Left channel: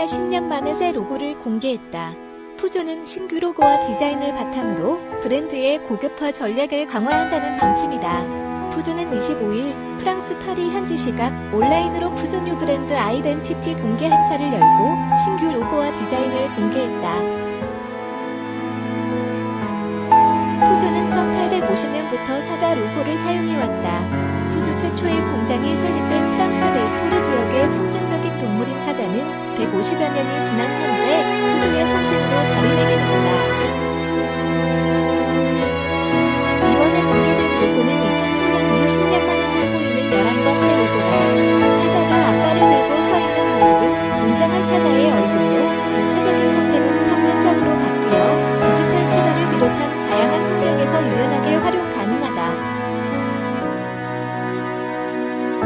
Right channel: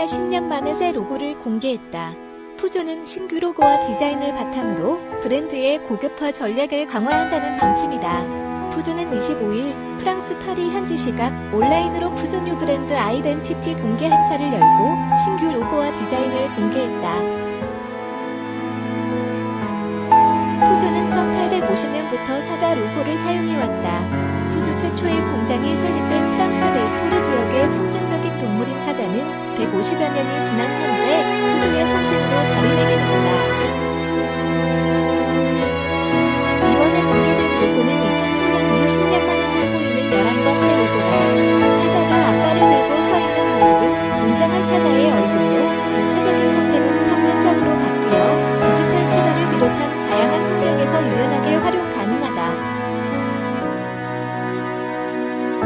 불과 10년 만에 새 로고를 공개했다. 푸조는 신규 로고와 디자인을 바탕으로 브랜드의 고급화 전략을 강화한다는 방침이다. 푸조는 25일 프랑스 파리 현지 시각 온라인으로 푸조 뉴 브랜드 아이덴티티 공개 행사를 열고 신규 로고와 디자인을 공개했다. 푸조는 1850년부터 사자 로고를 사용해왔다. 푸조 최초의 공장이 설립된 프랑스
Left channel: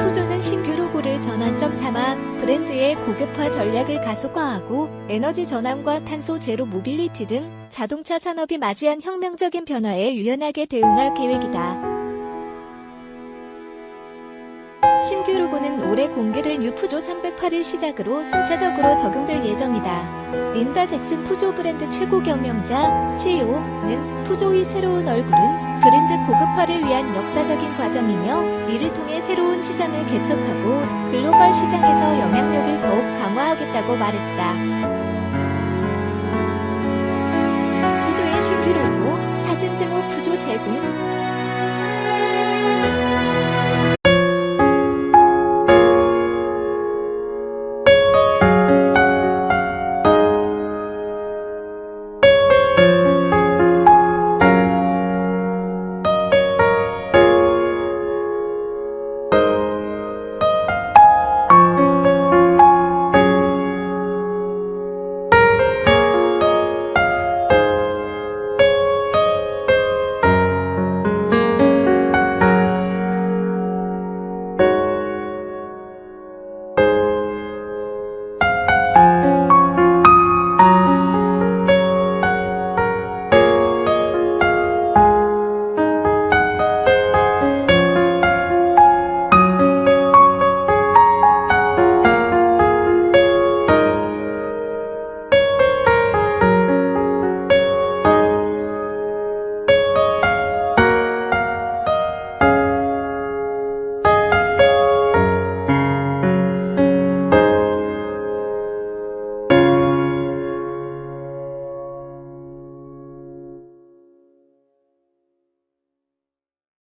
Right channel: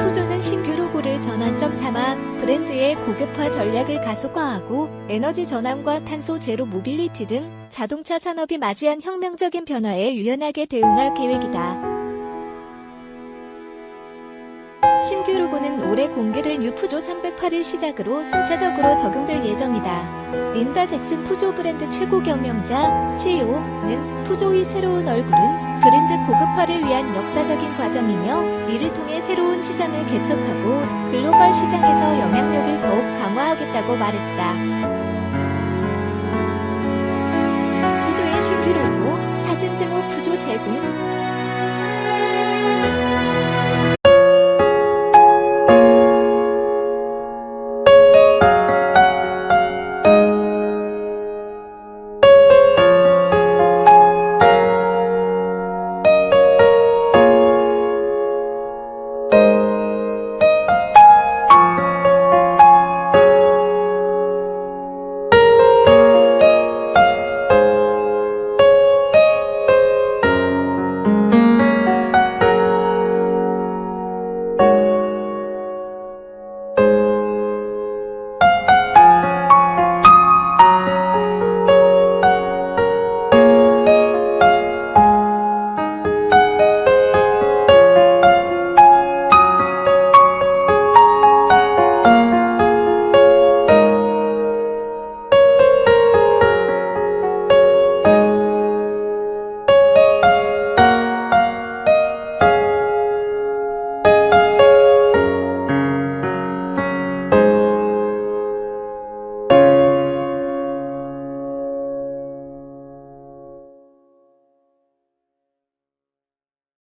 푸조는 신규 로고를 전환점 삼아 브랜드의 고급화 전략을 가속화하고 에너지 전환과 탄소 제로 모빌리티 등 자동차 산업이 맞이한 혁명적인 변화에 유연하게 대응할 계획이다. 신규 로고는 올해 공개될 뉴 푸조 308일 시작으로 순차적으로 적용될 예정이다. 린다 잭슨 푸조 브랜드 최고 경영자 CEO는 푸조의 새로운 얼굴은 브랜드 고급화를 위한 역사적인 과정이며 이를 통해 새로운 시장을 개척하고 글로벌 시장에서 영향력을 더욱 강화하겠다고 말했다. 푸조의 신규 로고, 사진 등호 푸조 제공,